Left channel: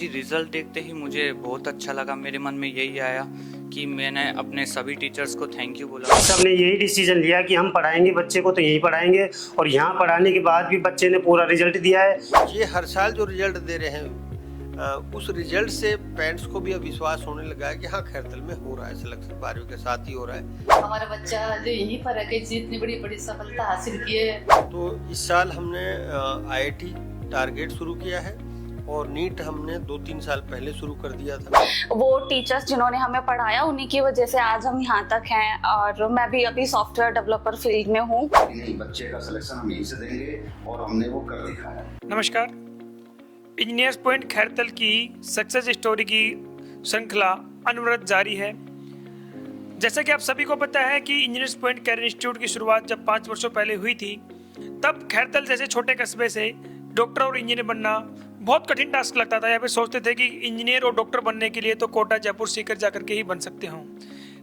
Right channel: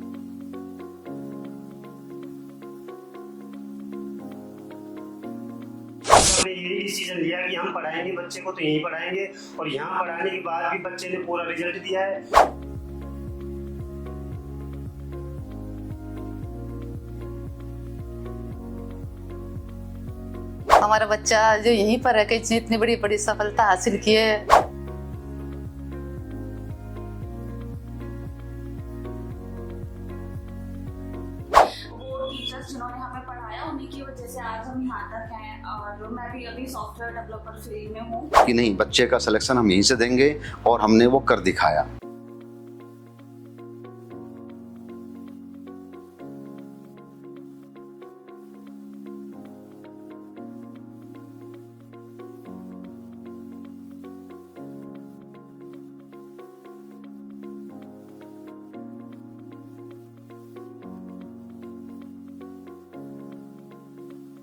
जी, result देखते ही मुझे बहुत अच्छा लगा। मेरे मन में यही आया कि मैंने अपने सभी टीचर्स को थैंक यू बोला। सबने यही डिसीजन लिया कि हम पढ़ाएंगे बच्चे को तो यही पढ़ाएंगे, और यहाँ पढ़ाने के बाद भी बच्चे ने पूरा रिजल्ट दिया है। ये हर साल जो रिजल्ट दे रहे हैं उस रिजल्ट से पेरेंट्स को भी अब विश्वास होने लगा है कि हाँ खैरतल में हो रहा है सिलेक्शन, 12वीं के साथ ही हो रहा है। हमारा बच्चा जो यहीं पर है कि इतनी बड़ी बड़ी सफलता हासिल की है। तो इस साल हमने आईआईटी टारगेट शुरू किया है और नीट हमने 2-3 साल पहले शुरू कर दिया था। वो टीचर्स जिन्होंने हमें पढ़ाया उन्हीं की वजह से आज हम यहाँ तक हैं और मैं भी अभी सॉफ्टवेयर डेवलपर फील्ड में हूँ। कि नहीं, बच्चे का सिलेक्शन हम यहीं से देंगे और हमने वो कर दिखाया। नमस्कार, इंजीनियर्स पॉइंट खैरतल की सक्सेस स्टोरी की श्रृंखला अनवरत जारी है। जैसा कि आप सभी को पता है कि इंजीनियर्स पॉइंट कैरियर इंस्टीट्यूट की शुरुआत जब 5 वर्षों पहले हुई थी, तब खैरतल जैसे छोटे कस्बे से डॉक्टर और इंजीनियर बनना बहुत कठिन टास्क लगता था। यहाँ पे सोचते थे कि इंजीनियर और डॉक्टर बनने के लिए तो कोटा, जयपुर, सीकर जाकर के ही बन सकते हों।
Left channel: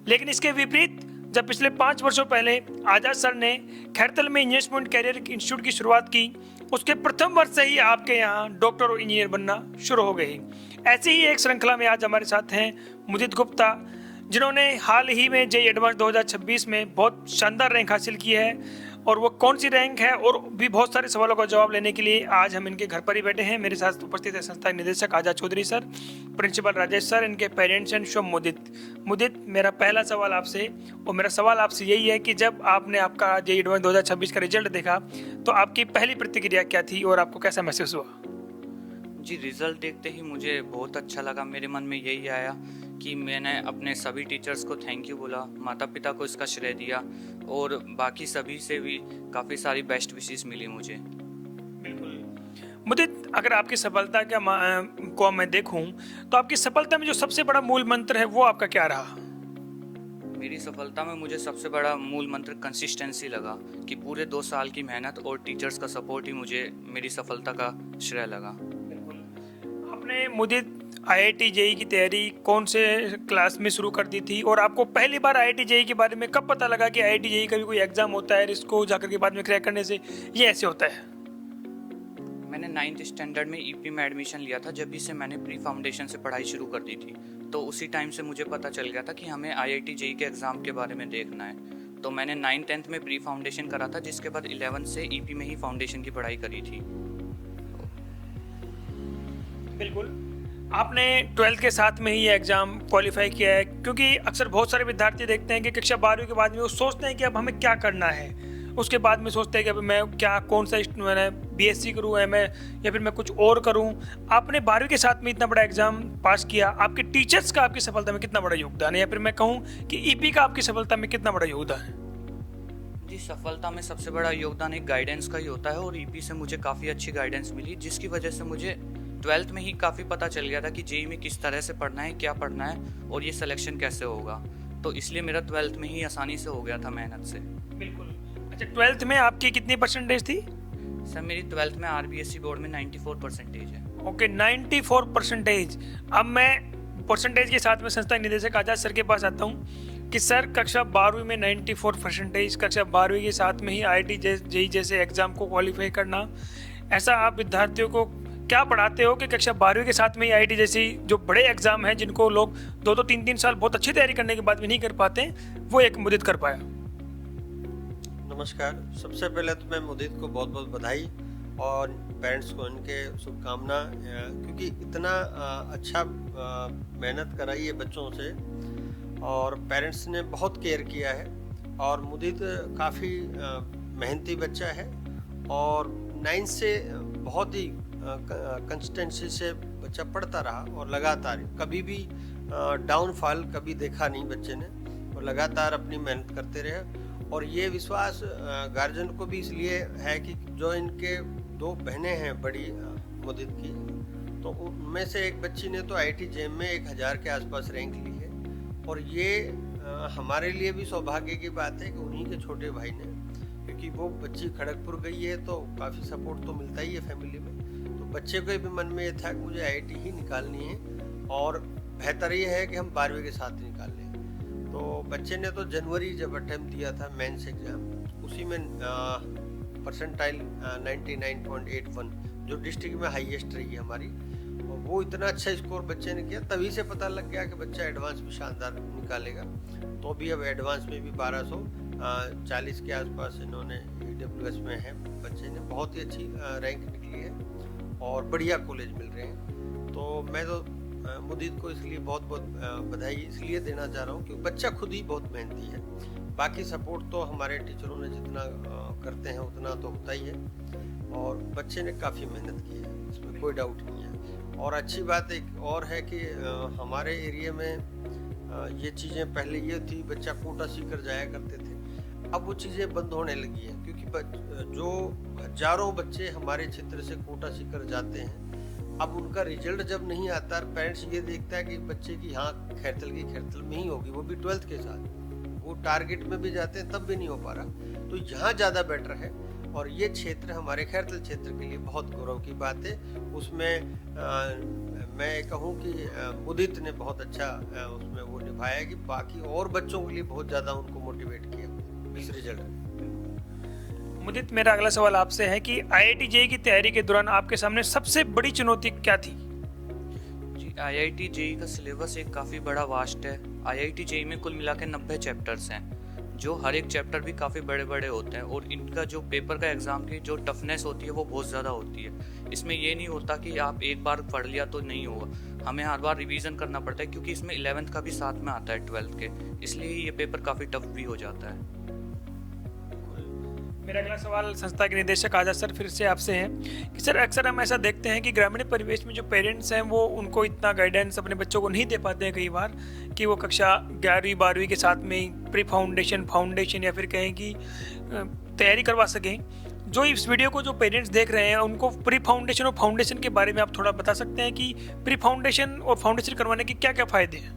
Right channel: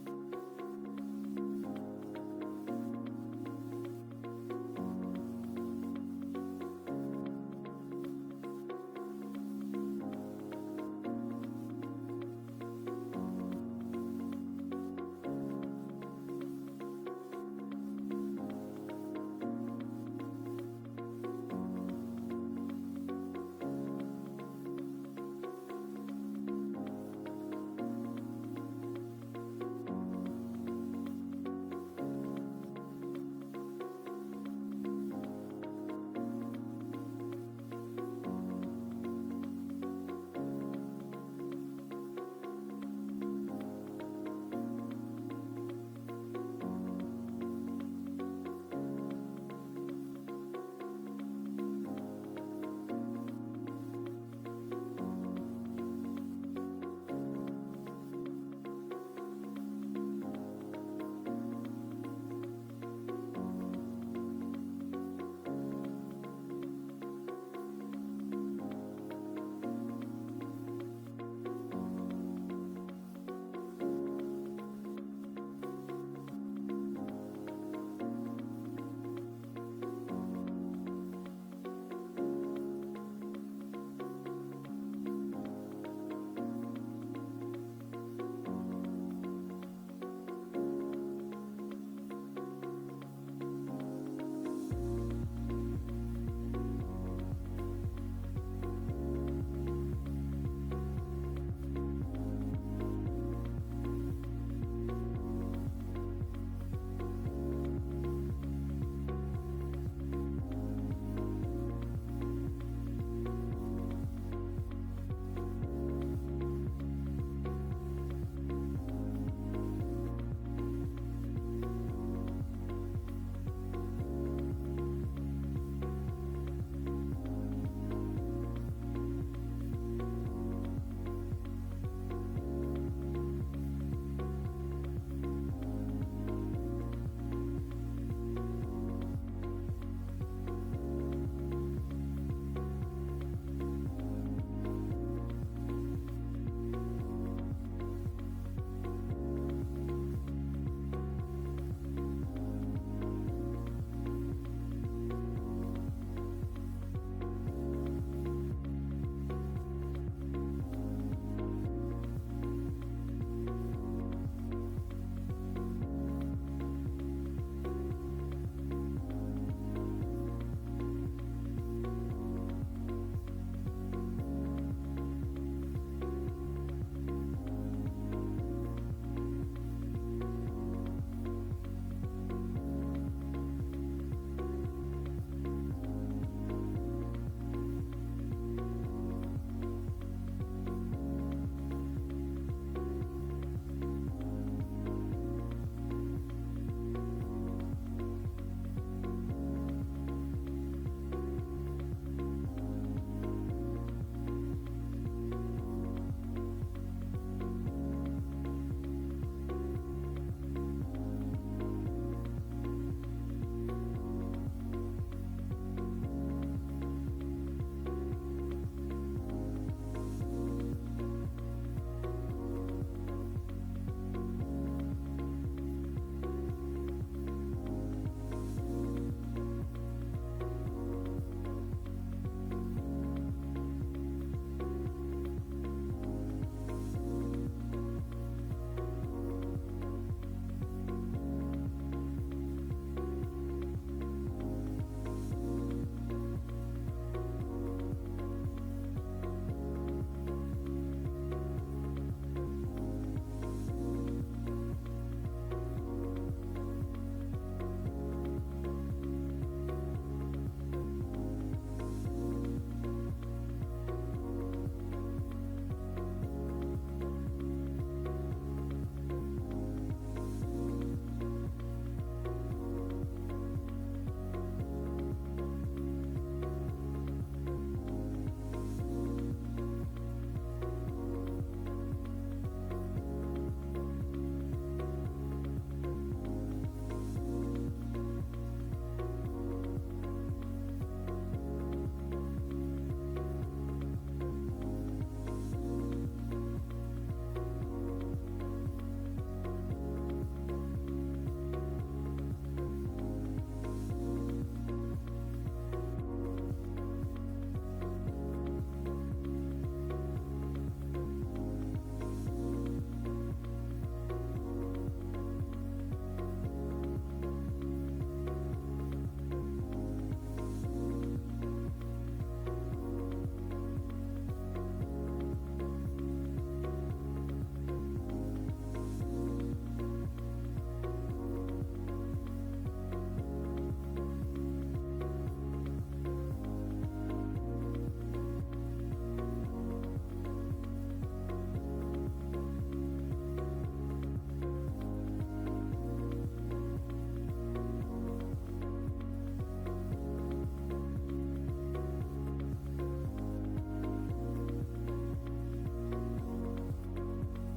लेकिन इसके विपरीत जब पिछले 5 वर्षों पहले आजाद सर ने खैरतल में इंजीनियर्स पॉइंट कैरियर इंस्टीट्यूट की शुरुआत की, उसके प्रथम वर्ष से ही आपके यहाँ डॉक्टर और इंजीनियर बनना शुरू हो गई। ऐसी ही एक श्रृंखला में आज हमारे साथ हैं मुदित गुप्ता, जिन्होंने हाल ही में जेईई एडवांस 2026 में बहुत शानदार रैंक हासिल की है। और वो कौन सी रैंक है और भी बहुत सारे सवालों का जवाब लेने के लिए आज हम इनके घर पर ही बैठे हैं। मेरे साथ उपस्थित है संस्था के निदेशक Azad Chaudhary sir, principal Rajesh sir, इनके पेरेंट्स एंड शुभ मुदित, मेरा पहला सवाल आपसे, और मेरा सवाल आपसे यही है कि जब आपने आपका जेईई एडवांस 2026 का रिजल्ट देखा तो आपकी पहली प्रतिक्रिया क्या थी और आपको कैसा महसूस हुआ? जी, रिज़ल्ट देखते ही मुझे बहुत अच्छा लगा। मेरे मन में यही आया कि मैंने अपने सभी टीचर्स को थैंक यू बोला, माता पिता को इसका श्रेय दिया और बाकी सभी से भी काफ़ी सारी बेस्ट विशेस मिली मुझे। मुदित, अगर आपकी सफलता को मैं देखूं तो आपकी सफलता में जो सबसे बड़ा मूल मंत्र है वो आपका क्या रहा? मेरी सफलता में मुझे सबसे बड़ा मूल मंत्र कंसिस्टेंसी लगा कि पूरे 2 साल की मेहनत और टीचर्स का सपोर्ट ही मुझे मेरी सफलता का श्रेय लगा। आपने मुदित आईआईटी जेईई की तैयारी कौन से क्लास में शुरू कर दी थी और आपको पहली बार आईआईटी जेईई के बारे में कब पता लगा कि आईआईटी जेईई का भी कोई एग्जाम होता है, इसको जाकर के बाद में क्रैक करने से ये ऐसे होता है? मैंने 9th स्टैंडर्ड में ईपी में एडमिशन लिया था। जब भी से मैंने प्री फाउंडेशन से पढ़ाई शुरू कर दी थी, तो उसी टाइम से मुझे पता चल गया था कि हमें आईआईटी जेईई के एग्ज़ाम के बारे में देखना है। तो मैंने 9th 10th में प्री फाउंडेशन करा था, जिसके बाद 11th से ईपी में ही फाउंडेशन की पढ़ाई करी थी। बिल्कुल, आपने 12th के साथ में ही ये एग्ज़ाम क्वालिफाई किया है, क्योंकि अक्सर बहुत सारे विद्यार्थी देखते हैं कि कक्षा 12वीं के बाद में वो सोचते हैं कि अब हमें क्या करना है। उसके बाद में सोचते हैं कि अब मैं क्या, कौन सा मैंने बीएससी करूँ मैं या फिर मैं कुछ और करूँ। आपने 12वीं के साथ में इतना बड़ा एग्जाम पास किया, आपके टीचर्स का आपकी सफलता में कितना बड़ा योगदान है, या फिर मैं कहूँ कि ईपी का आपकी सफलता में कितना बड़ा योगदान है? जी, सफलता में सबसे बड़ा योगदान एक गाइडेंस का ही होता है और ईपी से मुझे काफ़ी अच्छी गाइडेंस मिली, जिसकी वजह से मुझे 12th में ही काफ़ी पता चल गया था कि जेईई में किस तरह से पढ़ना है, क्या पढ़ना है और ये सिलेक्शन कैसे होगा। तो इसलिए मेरा 12th में ही आसानी से हो गया था मेहनत से। बिल्कुल। अच्छा, 12th में आपकी कितनी परसेंटेज थी? सर, मेरी 12th में आरबीएससी बोर्ड में 94% है। ओके, 94%। अब मैं परसेंटेज के साथ में संस्था निदेशक आजाद सर के पास आता हूँ कि सर, कक्षा 12वीं में 94%, कक्षा 12वीं के साथ में ही आईआईटी जेईई जैसे एग्जाम को क्वालिफाई करना, ऐसा आप विद्यार्थियों को क्या पढ़ाते हो कि कक्षा 12वीं के साथ में ही आईआईटी जैसी जो बड़े एग्जाम हैं जिनको लोग 2-2 3-3 साल बहुत अच्छी तैयारी करने के बाद भी नहीं कर पाते, वो एक मुदित कर पाया? नमस्कार, सबसे पहले तो मैं मुदित को बहुत बहुत बधाई और पेरेंट्स को इनके शुभकामना, क्योंकि इतना अच्छा मेहनत कराई है बच्चों से और पेरेंट्स ने बहुत केयर किया है। और मुदित काफ़ी मेहनती बच्चा है और 9th से बहुत ही कंसिस्टेंसी से बच्चा पढ़ता रहा और लगातार कभी भी डाउनफॉल कभी देखा नहीं बच्चे ने, और लगातार अपनी मेहनत करते रहे। और ये विश्वास गार्जियन को भी इसलिए है कि जो इनके 2 बहनें हैं बड़ी मुदित की, तो उनमें से एक बच्ची ने तो आईआईटी जेईई में 1000 के आसपास रैंक ली है। और ये हमारे लिए भी सौभाग्य की बात है कि उन्हीं के छोटे भाई ने, क्योंकि वो बच्ची खड़गपुर गई है तो काफ़ी सपोर्ट तो मिलता ही है फैमिली में। तो बच्चे को भी मन में ये था कि मुझे आईआईटी ही निकालनी है और बेहतर ये है कि हम 12वीं के साथ निकाल लें। तो बच्चे ने तो जनवरी जब अटेम्प्ट दिया था मेंस एग्जाम, उसी में परसेंटाइल 99.81 जो डिस्ट्रिक्ट में हाईएस्ट रही है हमारी, वो इतना अच्छा स्कोर बच्चे ने किया, तभी से पता लग गया कि बच्चा एडवांस भी शानदार निकालेगा। तो भी अब एडवांस में भी 1240 के आसपास इन्होंने EWS में है, बच्चे ने बहुत ही अच्छी रैंक निकली है और बढ़िया कॉलेज मिल रहे हैं। तो मैं तो मुदीत को इसलिए बहुत बहुत बधाई इसलिए देना चाह रहा हूँ क्योंकि बच्चा खुद ही बहुत मेहनती है। बाकी सपोर्ट तो हमारे टीचरों ने जितना करते हैं उतना तो होता ही है, और बच्चे ने काफ़ी मेहनत की है, इसमें कोई डाउट नहीं है। और अच्छी बात एक और है कि हमारे एरिया में ये चीज़ें पहले ये थी, बच्चा कोटा सीकर जाया करते थे, अब वो चीज़ें बंद होने लगी हैं क्योंकि जो हजारों बच्चे हमारे क्षेत्र से कोटा सीकर जाते हैं, अब उनका रिजल्ट जब नहीं आता, पेरेंट्स ये देखता है कि बच्चे की हाँ खैरतल की खैरतल में ही होगी, वो भी 12th के साथ, वो टारगेट में भी जाते हैं तब भी नहीं हो पा रहा। तो यहाँ ज़्यादा बेटर है, और ये क्षेत्र हमारे खैरतल क्षेत्र के लिए बहुत गौरव की बात है। उसमें मैं कहूँ कि मुदीत ने बहुत अच्छा उसमें वो निभाया कि बाकी और बच्चों के लिए बहुत ज़्यादा उनको मोटिवेट किया इस रिजल्ट में। मुदीत, मेरा अगला सवाल आपसे है कि IIT JEE की तैयारी के दौरान आपके सामने सबसे बड़ी चुनौती क्या थी? जी, IIT JEE का सिलेबस एक काफ़ी बड़ा वास्ट है। IIT JEE में कुल मिला के 90 चैप्टर्स हैं, जो हर एक चैप्टर भी काफ़ी बड़े बड़े होते हैं, और इनका जो पेपर का एग्ज़ाम की जो टफनेस होती है वो बहुत ज़्यादा होती है। इसमें ये नहीं होता कि आप एक बार पढ़ लिया तो नहीं होगा, हमें हर बार रिवीजन करना पड़ता है क्योंकि इसमें 11th का भी साथ में आता है 12th के, इसलिए ये पेपर काफ़ी टफ भी हो जाता है। मेरा अगला सवाल संस्था के निदेशक आजाद सर फिर से आपसे है कि सर अक्सर हम ऐसा देखते हैं कि ग्रामीण परिवेश में जो पेरेंट्स हैं वो उनको इतना गाइडेंस अपने बच्चों को नहीं दे पाते हैं कई बार, कि वो कक्षा 11वीं 12वीं के साथ में ही प्री फाउंडेशन या फिर कहें कि तैयारी करवा सकें। जो इस वीडियो को जो पेरेंट्स देख रहे हैं उनको प्री फाउंडेशन और फाउंडेशन के बारे में आप थोड़ा बता सकते हैं कि प्री फाउंडेशन और फाउंडेशन करवाने के क्या क्या फ़ायदे हैं?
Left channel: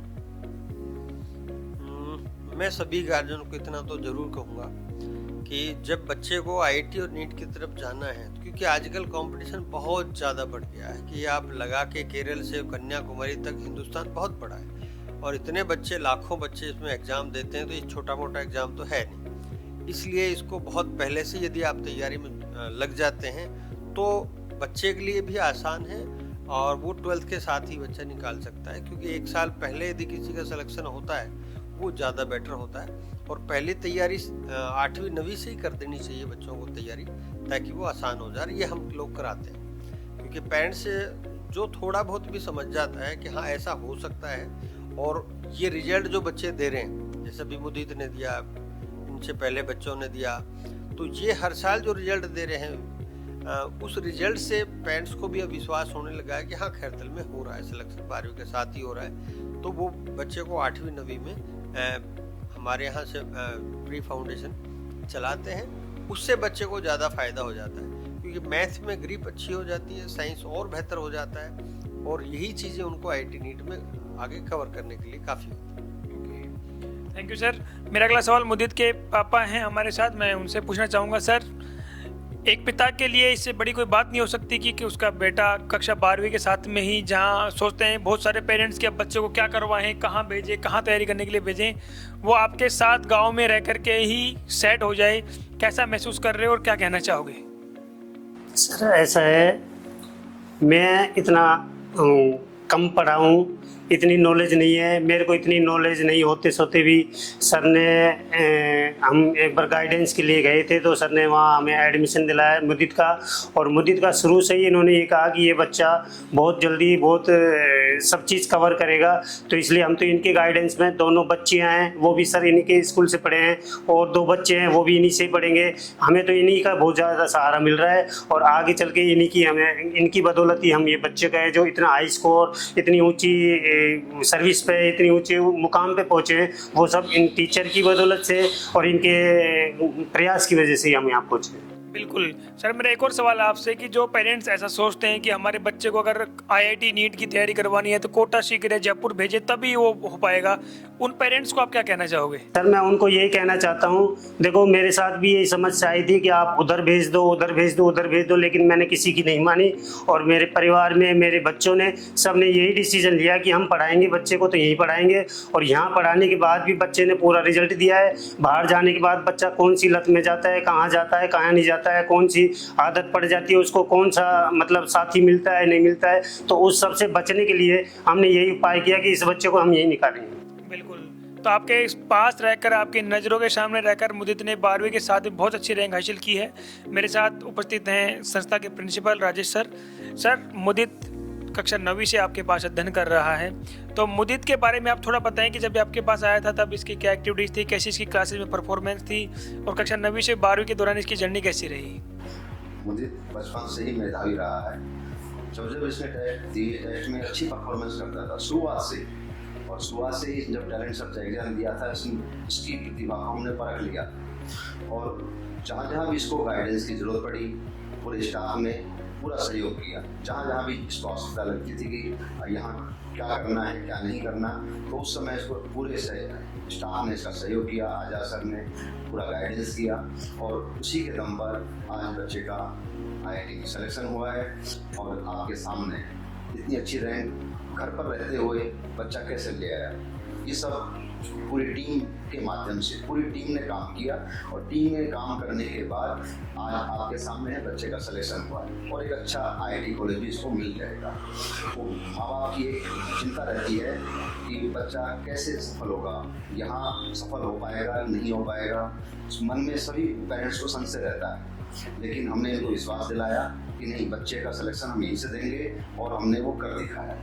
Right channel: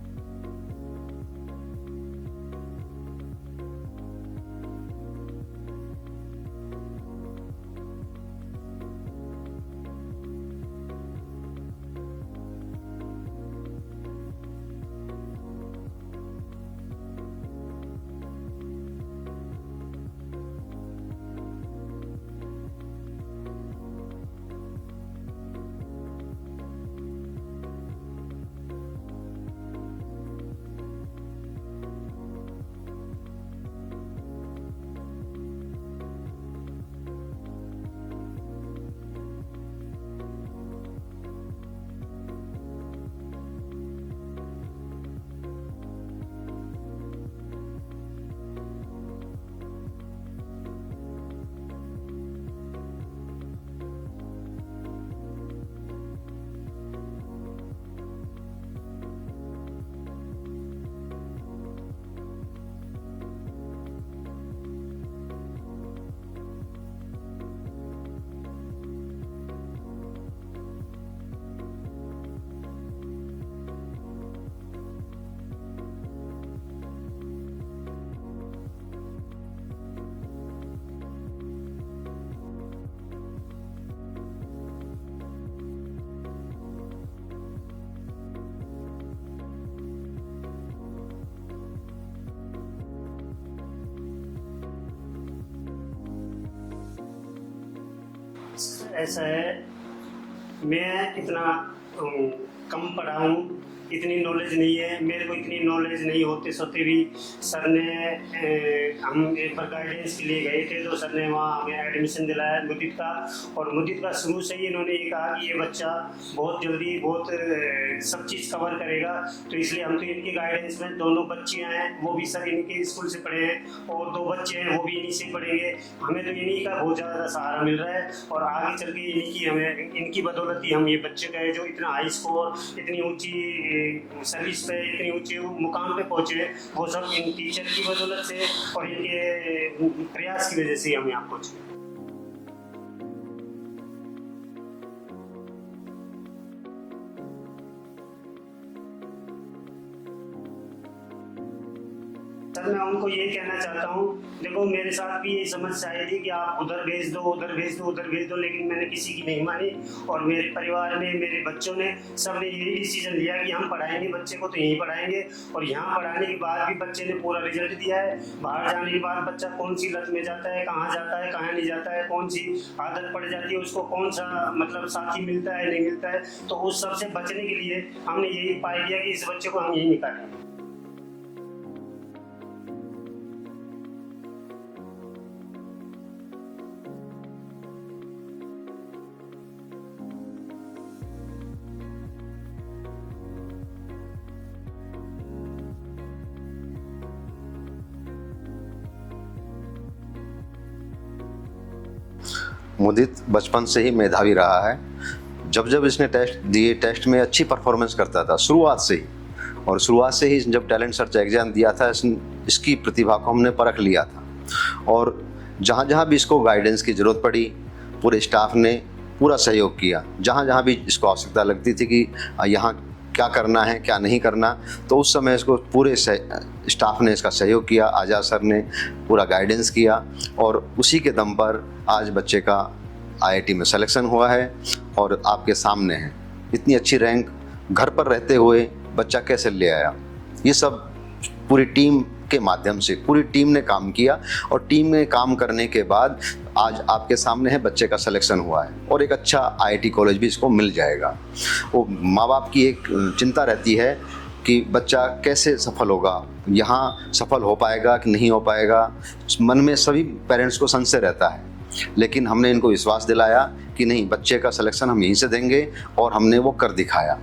मैं सभी गार्जियन को इतना तो ज़रूर कहूँगा कि जब बच्चे को IIT और नीट की तरफ जाना है, क्योंकि आजकल कंपटीशन बहुत ज़्यादा बढ़ गया है कि आप लगा के केरल से कन्याकुमारी तक हिंदुस्तान बहुत बड़ा है, और इतने बच्चे लाखों बच्चे इसमें एग्ज़ाम देते हैं, तो ये छोटा मोटा एग्ज़ाम तो है नहीं। इसलिए इसको बहुत पहले से यदि आप तैयारी में लग जाते हैं तो बच्चे के लिए भी आसान है, और वो 12th के साथ ही बच्चा निकाल सकता है, क्योंकि एक साल पहले यदि किसी का सिलेक्शन होता है वो ज़्यादा बेटर होता है। और पहली तैयारी 8वीं 9वीं से ही कर देनी चाहिए बच्चों को तैयारी, ताकि वो आसान हो जाए। ये हम लोग कराते हैं क्योंकि पेरेंट्स जो थोड़ा बहुत भी समझ जाता है कि हाँ ऐसा हो सकता है, और ये रिजल्ट जो बच्चे दे रहे हैं, जैसे अभी मुदीत ने दिया, इनसे पहले बच्चों ने दिया, तो ये हर साल जो रिजल्ट दे रहे हैं उस रिजल्ट से पेरेंट्स को भी अब विश्वास होने लगा है कि हाँ खैरतल में हो रहा है सिलेक्शन, 12वीं के साथ ही हो रहा है। तो वो बच्चे को 8वीं 9वीं में हमारे यहाँ से प्री फाउंडेशन चलाते हैं, उससे बच्चे को ज़्यादा फ़ायदा हो जाता है, क्योंकि मैथ में ग्रिप अच्छी हो जाती है, साइंस और बेहतर हो जाता है, और यही चीज़ें उनको IIT नीट में आगे कवर करने के लिए काफ़ी होती है। Thank you sir. मेरा अगला सवाल मुदीत के पापा हैं हमारे साथ, मैं उनसे पूछना चाहूँगा सर, एक पिता के लिए इससे बड़ी कोई बात नहीं हो सकती कि उसका बेटा कक्षा 12वीं के साथ में ही, जहाँ सोचते हैं बहुत सारे पेरेंट्स कि अब बच्चे को क्या करवाएं, कहाँ भेजें, कहाँ तैयारी करने के लिए भेजें, वो आपके साथ गांव में रह कर के ही सेट हो जाए, कैसा महसूस कर रहे हो और क्या कहना चाहोगे? सर ऐसा है, मैं इतना कम पढ़ा हूँ, इतनी नॉलेज नहीं है मेरे को, इतनी नॉलेज नहीं होते सोते भी सर ने हम एक बार गाइडेंस के लिए गए थे, तो सर ने वहाँ हमें एडमिशन दिलाया मुदीत का, और मुदीत का शुरू से ही इन्होंने ये कहा कि ये बच्चा बहुत जल्दी बहुत सब चीज़ कवर करेगा, तो इसलिए हम तो इनके गाइडेंस में, दोनों बच्चियाँ हैं वो भी सर इनके स्कूल से पढ़े हैं, और 2 बच्चे हैं वो भी इन्हीं से पढ़ेंगे, हमें तो इन्हीं का बहुत ज़्यादा सहारा मिल रहा है, और आगे चल के इन्हीं की हमें, इनकी बदौलत ही हम ये बच्चे का है जो इतना हाई स्कोर, इतनी ऊँची सर्विस पे, इतनी ऊंचे मुकाम पे पहुंचे हैं, वो सब इन टीचर की बदौलत से और इनके प्रयास की वजह से ही हम यहाँ पहुंचे। बिल्कुल सर, मेरा एक और सवाल आपसे कि जो पेरेंट्स ऐसा सोचते हैं कि हमारे बच्चे को अगर IIT नीट की तैयारी करवानी है तो कोटा सीकर जयपुर भेजे तभी वो हो पाएगा, उन पेरेंट्स को आप क्या कहना चाहोगे? सर मैं उनको यही कहना चाहता हूँ, देखो मेरे साथ भी यही समस्या आई थी कि आप उधर भेज दो, उधर भेज दो, उधर भेज दो, लेकिन मैंने किसी की नहीं मानी, और मेरे परिवार में मेरे बच्चों ने सब ने यही डिसीजन लिया कि हम पढ़ाएंगे बच्चे को तो यही पढ़ाएंगे, और यहाँ पढ़ाने के बाद भी बच्चे ने पूरा रिजल्ट दिया है। बाहर जाने के बाद बच्चा कौन सी लत में जाता है, कहाँ नहीं जाता जाता है, कौन सी आदत पड़ जाती है, उसको कौन सा मतलब साथी मिलता है नहीं मिलता है, तो उस सब से बचने के लिए हमने यही उपाय किया कि इस बच्चे को हम यही निकालेंगे। बिल्कुल। तो आपके पास रहकर, आपकी नज़रों के सामने रहकर मुदित ने 12वीं के साथ बहुत अच्छी रैंक हासिल की है। मेरे साथ उपस्थित हैं संस्था के प्रिंसिपल राजेश सर। सर, मुदित कक्षा 9वीं से आपके पास अध्ययन कर रहा है, तो मुदित के बारे में आप थोड़ा बताएं कि जब आपके पास आया था तब इसकी क्या एक्टिविटीज़ थी, कैसी इसकी क्लासेस में परफॉर्मेंस थी, और कक्षा 9वीं से 12वीं के दौरान इसकी जर्नी कैसी रही? मुदित बचपन से ही मेधावी रहा है। जब इसने टेस्ट दिए, टेस्ट में अच्छी परफॉर्मेंस करता था शुरुआत से ही, और शुरुआत से ही जब टैलेंट सर्च एग्जाम दिया था इसकी प्रतिभा को हमने परख लिया था, और जहाँ जहाँ भी इसको गाइडेंस की ज़रूरत पड़ी पूरे स्टाफ ने पूरा सहयोग किया। जहाँ जहाँ भी इसको आवश्यकता लगती थी कि यहाँ क्या करना है क्या नहीं करना, तो उस समय इसको पूरे स्टाफ ने इसका सहयोग किया, आज़ाद सर ने पूरा गाइडेंस किया, और उसी के दम पर आज बच्चे का IIT में सिलेक्शन हुआ है और आपके सामने है। इतनी अच्छी रैंक घर पर रहते हुए बच्चा कैसे ले आया, ये सब पूरी टीम के माध्यम से पूरी टीम ने काम किया, और टीम में काम करने के बाद आज आपके सामने है बच्चे का सिलेक्शन हुआ है, और एक अच्छा IIT कॉलेज भी इसको मिल जाएगा। वो माँ बाप की एक चिंता रहती है कि बच्चा कैसे सफल होगा, यहाँ सफल हो पाएगा कि नहीं हो पाएगा, मन में सभी पेरेंट्स को संशय रहता है, लेकिन हमने इनको विश्वास दिलाया कि नहीं, बच्चे का सिलेक्शन हम यहीं से देंगे, और हमने वो कर दिखाया।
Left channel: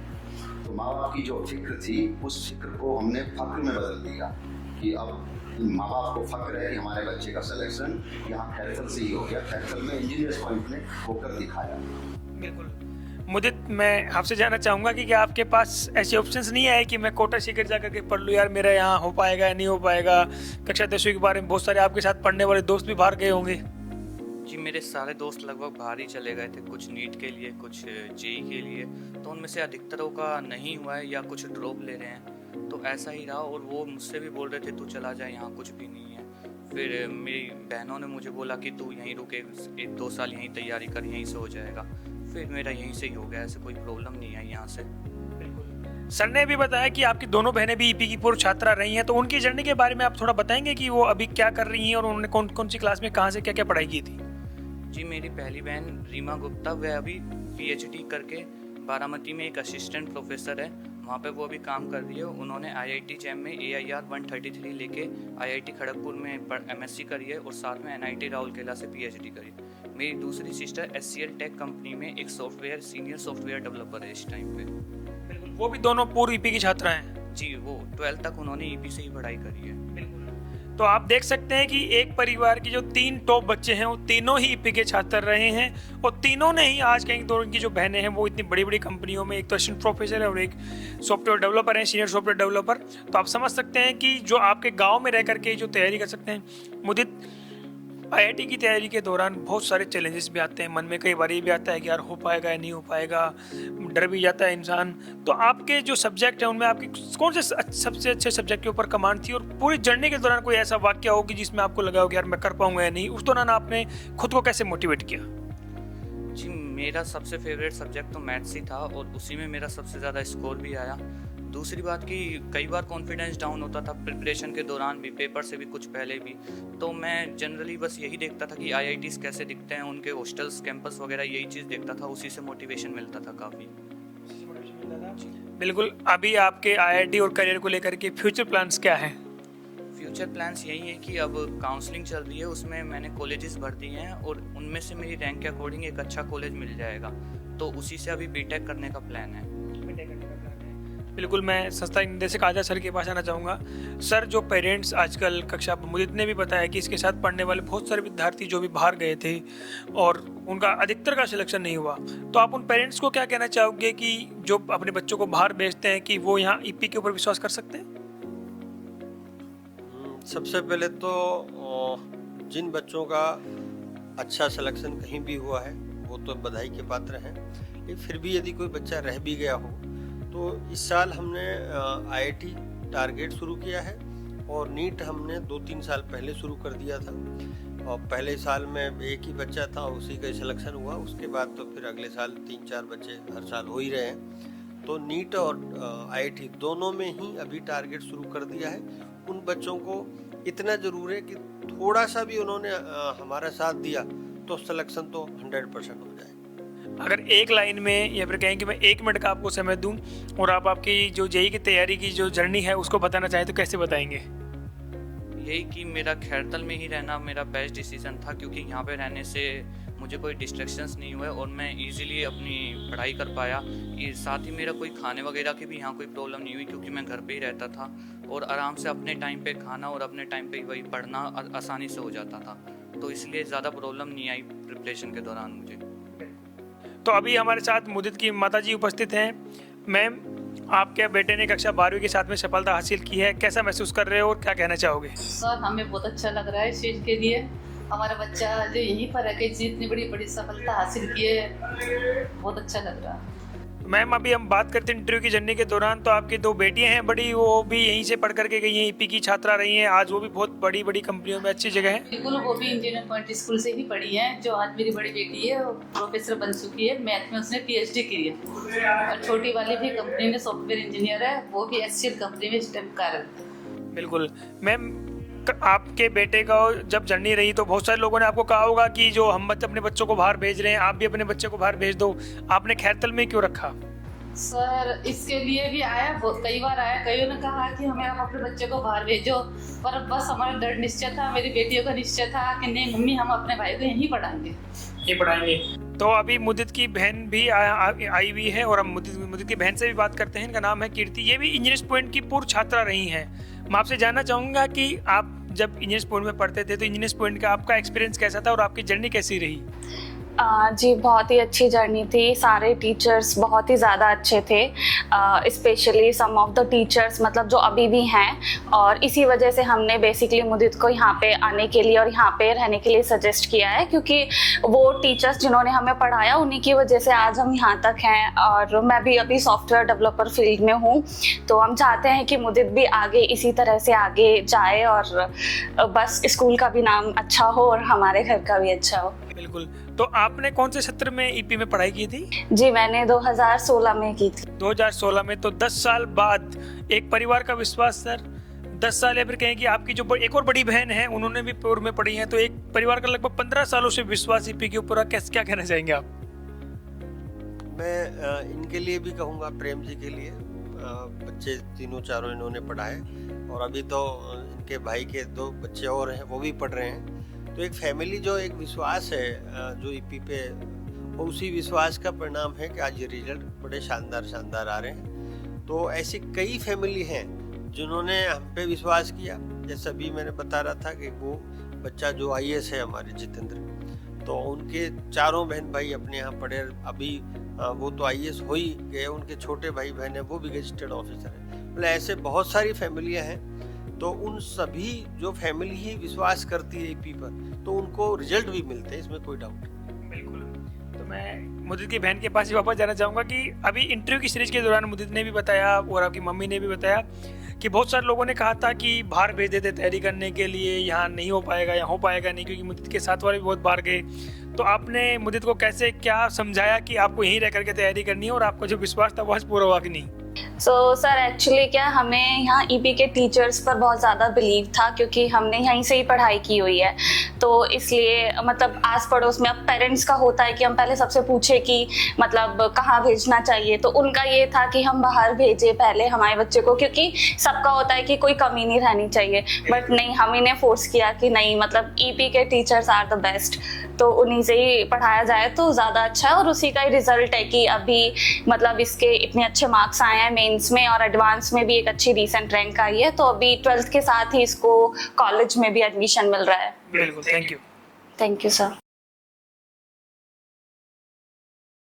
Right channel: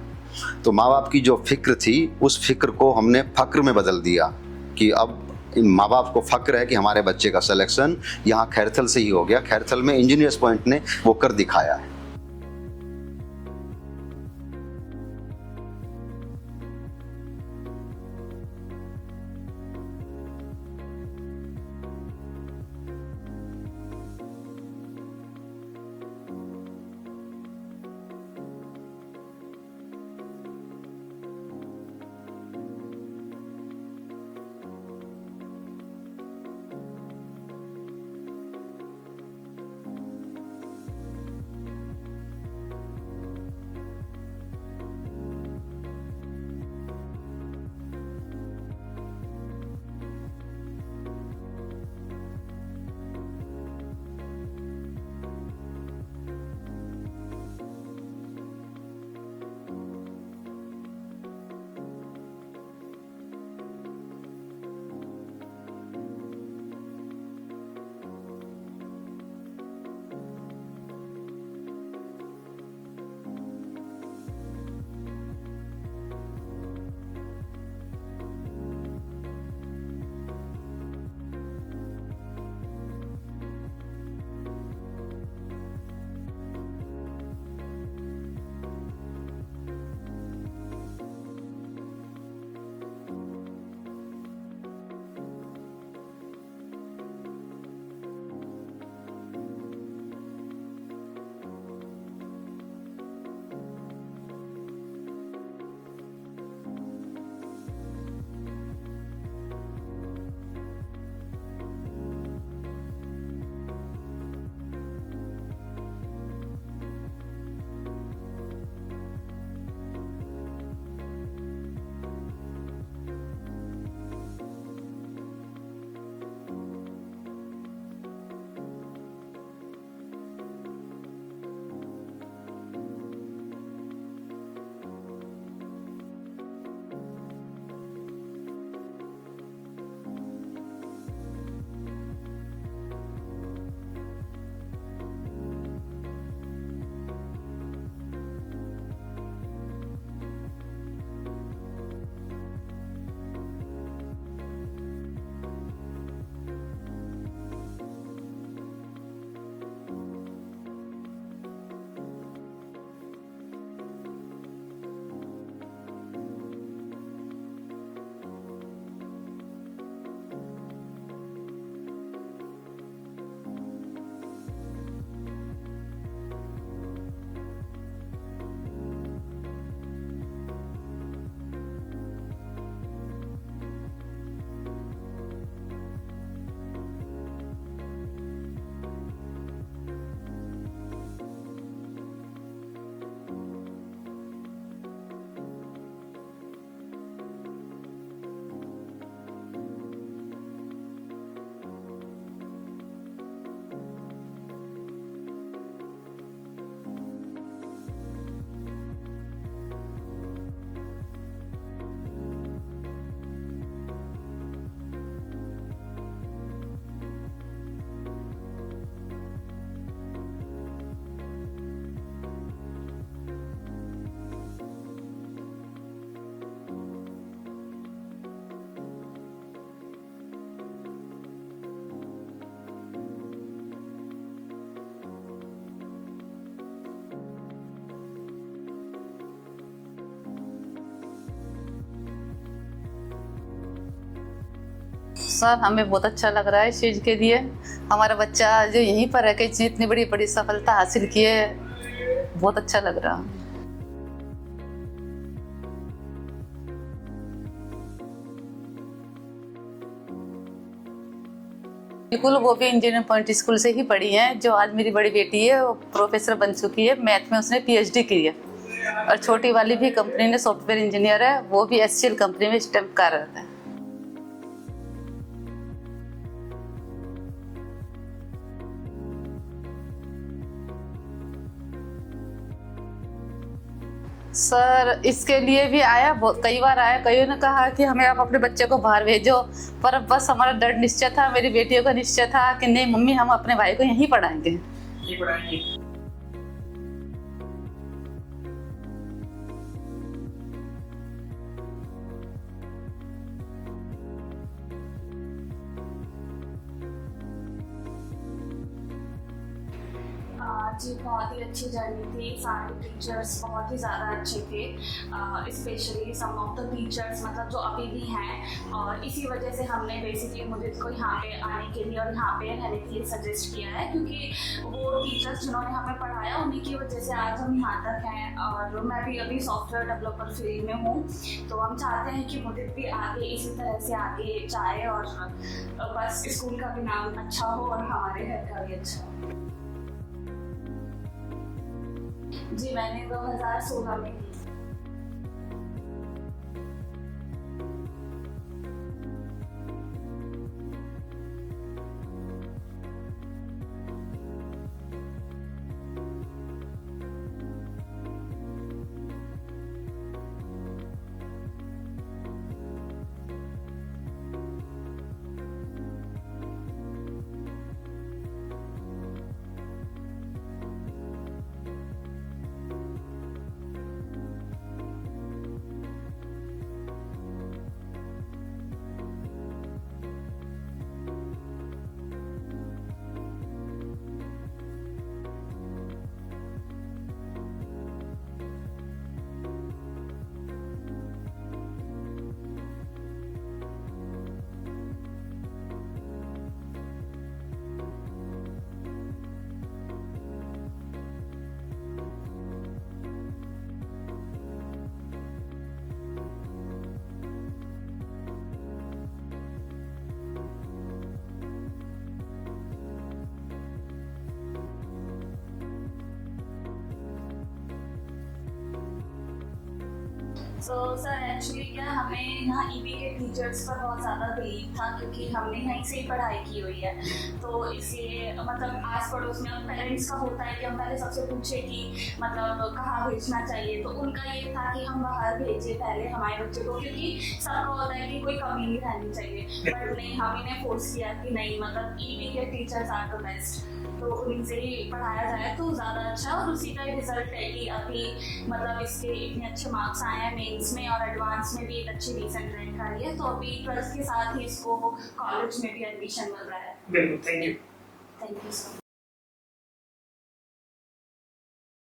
तो माँ बाप की जो फिक्र थी उस फिक्र को हमने फक्र में बदल दिया कि अब माँ बाप को फक्र है कि हमारे बच्चे का सिलेक्शन यहाँ खैरथल से ही हो गया। खैरथल में इंजीनियर्स पॉइंट ने वो कर दिखाया है। बिल्कुल। मुदित, मैं आपसे जानना चाहूँगा कि क्या आपके पास ऐसे ऑप्शंस नहीं है कि मैं कोटा सीकर जा करके पढ़ लूँ, यार मेरा यहाँ हो पाएगा या नहीं हो पाएगा? कक्षा 10वीं के बारे में बहुत सारे आपके साथ पढ़ने वाले दोस्त भी बाहर गए होंगे। जी, मेरे सारे दोस्त लगभग बाहर ही चले गए थे, कुछ नीट के लिए, कुछ जेई के लिए, तो उनमें से अधिकतरों का नहीं हुआ है या कुछ ड्रॉप ले रहे हैं, तो ऐसा ही रहा। और वो मुझसे भी बोल रहे थे तू चला जा, यहाँ कुछ भी नहीं है। फिर मेरी बहनों ने मुझे बोला कि तू यहीं रुके, 1-2 साल यहीं तैयारी कर, यहीं से हो जाएगा। फिर मेरा यहीं से ही हो गया, ऐसे कोई प्रॉब्लम नहीं है यहाँ से। सर ने भी बताया कि आपकी दोनों बहनें भी ईपी की पूर्व छात्रा रही हैं, तो उनकी जर्नी के बारे में आप थोड़ा बताएंगे कि वो अभी क्या कर रही हैं और उन्होंने कौन कौन सी क्लास में कहाँ से क्या क्या पढ़ाई की थी? जी, मेरी पहली बहन रीमा गुप्ता, वह अभी PhD करके बारामती में एक असिस्टेंट प्रोफेसर है, वहाँ पे वो अभी काम कर रही है। उन्होंने IIT जैम में AIR 133 लेके IIT खड़गपुर में MSc करी है, और साथ में NIT राउरकेला से PhD करी। मेरी दूसरी सिस्टर SCL टेक कंपनी में एक सीनियर सॉफ्टवेयर डेवलपर है इस टाइम पे। वो भी दोनों पूर्व ईपी की छात्रा हैं। जी, वो 12th तक उन्होंने EP से ही पढ़ाई करी है। तो आप देख सकते हैं कि एक परिवार के जो 3 टॉप बच्चे हैं वो तीनों ही ईपी के छात्र रहे हैं, और तीनों ने ही आज कहीं दो उनकी जो बहनें हैं वो इतनी बड़ी बड़ी कंपनियों में, एक तो असिस्टेंट प्रोफेसर है और एक सॉफ्टवेयर डेवलपर है, सीनियर सॉफ्टवेयर डेवलपर। तो आप समझ सकते हैं कि जो आपके गांव में रह करके जो तैयारी कर सकते हैं। मुदित, IIT की तैयारी के दौरान बहुत सारे चैलेंजेस भी आते हैं, मन में कई बार ये भी आता है कि यार हो पाएगा या नहीं हो पाएगा, डर भी जाता है इंसान। तो आपके जो सब्जेक्ट हैं उनमें आपकी कौन से सबसे अच्छे सब्जेक्ट के ऊपर कमांड थी, और पूरी जर्नी के दौरान कोई ऐसा वाक्य हो कि जिसमें आपको लगा हो कि यार मैं कर पाऊंगा या नहीं, उस दौरान आपने खुद को कैसे मोटिवेट किया? जी, मेरा सबसे फेवरेट सब्जेक्ट तो मैथ्स ही था, और उसी में मेरा सबसे ज़्यादा स्कोर भी आया। दूसरी बात कि कई बार कॉन्फिडेंस डाउन होता था प्रिपरेशन के दौरान भी, पेपर से भी कुछ पहले भी, तो मैं जनरली बस यही देखता था कि IITs कैसे दिखते हैं, उनके हॉस्टल्स, कैंपस वगैरह, यही चीज़ देखता था, उसी से मोटिवेशन मिलता था काफ़ी। बिल्कुल। अभी आपके IIT और करियर को लेकर के फ्यूचर प्लान्स क्या हैं? फ्यूचर प्लान्स यही है कि अब काउंसलिंग चल रही है, उसमें मैंने कॉलेजेस भर दिए हैं, और उनमें से मेरी रैंक के अकॉर्डिंग एक अच्छा कॉलेज मिल जाएगा, तो उसी से अभी BTech करने का प्लान है। बिल्कुल। मैं संस्था के निदेशक आजाद सर के पास आना चाहूँगा। सर, जो पेरेंट्स आजकल कक्षा, मुदित ने भी बताया कि इसके साथ पढ़ने वाले बहुत सारे विद्यार्थी जो भी बाहर गए थे और उनका अधिकतर का सिलेक्शन नहीं हुआ, तो आप उन पेरेंट्स को क्या कहना चाहोगे कि जो अपने बच्चों को बाहर भेजते हैं कि वो यहाँ ईपी के ऊपर विश्वास कर सकते हैं? सबसे पहले तो जिन बच्चों का अच्छा सिलेक्शन कहीं भी हुआ है वो तो बधाई के पात्र हैं, लेकिन फिर भी यदि कोई बच्चा रह भी गया हो तो इस साल हमने IIT टारगेट शुरू किया है, और नीट हमने 2-3 साल पहले शुरू कर दिया था, और पहले साल में एक ही बच्चा था, उसी का सिलेक्शन हुआ। उसके बाद तो फिर अगले साल 3-4 बच्चे हर साल हो ही रहे हैं। तो नीट और IIT दोनों में ही अभी टारगेट शुरू कर दिया है। उन बच्चों को इतना ज़रूर है कि थोड़ा सा भी उन्होंने हमारा साथ दिया तो सिलेक्शन तो 100% हो जाए। अगर एक लाइन में या फिर कहें कि मैं 1 मिनट का आपको समय दूं और आप आपकी जो जेई की तैयारी की जो जर्नी है उसको बताना चाहें तो कैसे बताएंगे? यही कि मेरा खैरतल में ही रहना मेरा बेस्ट डिसीजन था, क्योंकि यहाँ पे रहने से मुझे कोई डिस्ट्रैक्शंस नहीं हुए और मैं इजीली अपनी पढ़ाई कर पाया। ये साथ ही मेरा कोई खाने वगैरह की भी यहाँ कोई प्रॉब्लम नहीं हुई, क्योंकि मैं घर पे ही रहता था और आराम से अपने टाइम पे खाना और अपने टाइम पे वही पढ़ना आसानी से हो जाता था, तो इसलिए ज़्यादा प्रॉब्लम नहीं आई प्रिपरेशन के दौरान मुझे। तो अभी हमारे साथ मुदित की माताजी उपस्थित हैं। मैम, आपके बेटे ने कक्षा 12वीं के साथ में सफलता हासिल की है, कैसा महसूस कर रहे हो और क्या कहना चाहोगे? सर हमें बहुत अच्छा लग रहा है इस चीज़ के लिए। हमारा बच्चा जो यहीं पर है कि इतनी बड़ी बड़ी सफलता हासिल की है, बहुत अच्छा लग रहा है। मैम, अभी हम बात करते हैं इंटरव्यू की जर्नी के दौरान, तो आपकी 2 बेटियां हैं बड़ी, वो भी यहीं से पढ़ करके गई हैं, ईपी की छात्रा रही हैं, आज वो भी बहुत बड़ी बड़ी कंपनियों में अच्छी जगह है। बिल्कुल, वो भी इंजीनियर पॉइंट स्कूल से ही पढ़ी है। जो आज मेरी बड़ी बेटी है वो प्रोफेसर बन चुकी है, मैथ में उसने PhD की है। और छोटी वाली भी कंपनी में सॉफ्टवेयर इंजीनियर है, वो भी HCL कंपनी में स्टेम कार्यरत है। बिल्कुल। मैम, आपके बेटे का जब जर्नी रही तो बहुत सारे लोगों ने आपको कहा होगा कि जो हम अपने बच्चों को बाहर भेज रहे हैं, आप भी अपने बच्चे को बाहर भेज दो, आपने खैरतल में क्यों रखा? सर इसके लिए भी आया, कई बार आया, कईयों ने कहा कि हमें आप अपने बच्चे को बाहर भेजो, पर बस हमारा दृढ़ निश्चय था, मेरी बेटियों का निश्चय था कि नहीं मम्मी, हम अपने भाई को यहीं पढ़ाएंगे। ये पढ़ाएंगे। तो अभी मुदित की बहन भी आई हुई है और हम मुदित की बहन से भी बात करते हैं। इनका नाम है कीर्ति, ये भी इंजीनियर्स पॉइंट की पूर्व छात्रा रही हैं। मैं आपसे जानना चाहूँगा कि आप जब इंजीनियर्स पॉइंट में पढ़ते थे तो इंजीनियर्स पॉइंट का आपका एक्सपीरियंस कैसा था और आपकी जर्नी कैसी रही? जी बहुत ही अच्छी जर्नी थी। सारे टीचर्स बहुत ही ज़्यादा अच्छे थे, specially some of the teachers मतलब जो अभी भी हैं, और इसी वजह से हमने बेसिकली मुदित को यहाँ पे आने के लिए और यहाँ पे रहने के लिए सजेस्ट किया है, क्योंकि वो टीचर्स जिन्होंने हमें पढ़ाया उन्हीं की वजह से आज हम यहाँ तक हैं। और मैं भी अभी सॉफ्टवेयर डेवलपर फील्ड में हूँ, तो हम चाहते हैं कि मुदित भी आगे इसी तरह से आगे जाए और बस स्कूल का भी नाम अच्छा हो और हमारे घर का भी अच्छा हो। बिल्कुल। तो आपने कौन से सत्र में ईपी में पढ़ाई की थी? जी मैंने 2016 में की थी। 2016 में, तो 10 साल बाद एक परिवार का विश्वास सर, 10 साल या फिर कहें कि आपकी जो एक और बड़ी बहन है उन्होंने भी पूर्व में पढ़ी है, तो एक परिवार का लगभग 15 सालों से विश्वास ईपी के ऊपर, क्या कहना चाहेंगे आप? मैं इनके लिए भी कहूँगा, प्रेम जी के लिए, बच्चे तीनों चारों इन्होंने पढ़ाए और अभी तो इनके भाई के 2 बच्चे और हैं, वो भी पढ़ रहे हैं। तो एक फैमिली जो एक विश्वास है जो ईपी पे, वो उसी विश्वास का परिणाम है कि आज ये रिजल्ट बड़े शानदार आ रहे हैं। तो ऐसी कई फैमिली हैं जिन्होंने हम पे विश्वास किया। जैसे अभी मैंने बता रहा था कि वो बच्चा जो IAS है हमारे जितेंद्र, तो उनके चारों बहन भाई अपने यहाँ पढ़े, अभी वो तो IAS हो ही गए, उनके छोटे भाई बहन है वो भी गजेटेड ऑफिसर है। मतलब ऐसे बहुत सारी फैमिलियाँ हैं, तो उन सभी जो फैमिली ही विश्वास करती है ईपी पर, तो उनको रिजल्ट भी मिलते हैं, इसमें कोई डाउट नहीं। बिल्कुल। तो मैं मुदित की बहन के पास ही वापस जाना चाहूँगा कि अभी इंटरव्यू की सीरीज के दौरान मुदित ने भी बताया और आपकी मम्मी ने भी बताया कि बहुत सारे लोगों ने कहा था कि बाहर भेज देते तैयारी करने के लिए, यहाँ नहीं हो पाएगा या हो पाएगा नहीं, क्योंकि मुदित के साथ वाले भी बहुत बाहर गए। तो आपने मुदित को कैसे क्या समझाया कि आपको यहीं रह करके तैयारी करनी है और आपका जो विश्वास था वो आज पूरा हुआ कि नहीं? सर एक्चुअली क्या, हमें यहाँ ईपी के टीचर्स पर बहुत ज़्यादा बिलीव था, क्योंकि हमने यहीं से ही पढ़ाई की हुई है, तो इसलिए मतलब आस पड़ोस में अब पेरेंट्स का होता है कि हम पहले सबसे पूछे कि मतलब कहाँ भेजना चाहिए, तो उनका ये था कि हम बाहर भेजें पहले हमारे बच्चे को, क्योंकि सबका होता है कि कोई कमी नहीं रहनी चाहिए, बट नहीं, हम इन्हें फोर्स किया कि नहीं, मतलब ईपी के टीचर्स आर द बेस्ट, तो उन्हीं से ही पढ़ाया जाए तो ज़्यादा अच्छा है। और उसी का ही रिजल्ट है कि अभी मतलब इसके इतने अच्छे मार्क्स आए हैं मेंस में, और एडवांस में भी एक अच्छी रीसेंट रैंक आई है, तो अभी 12th के साथ ही इसको कॉलेज में भी एडमिशन मिल रहा है। बिल्कुल, thank you. Thank you sir.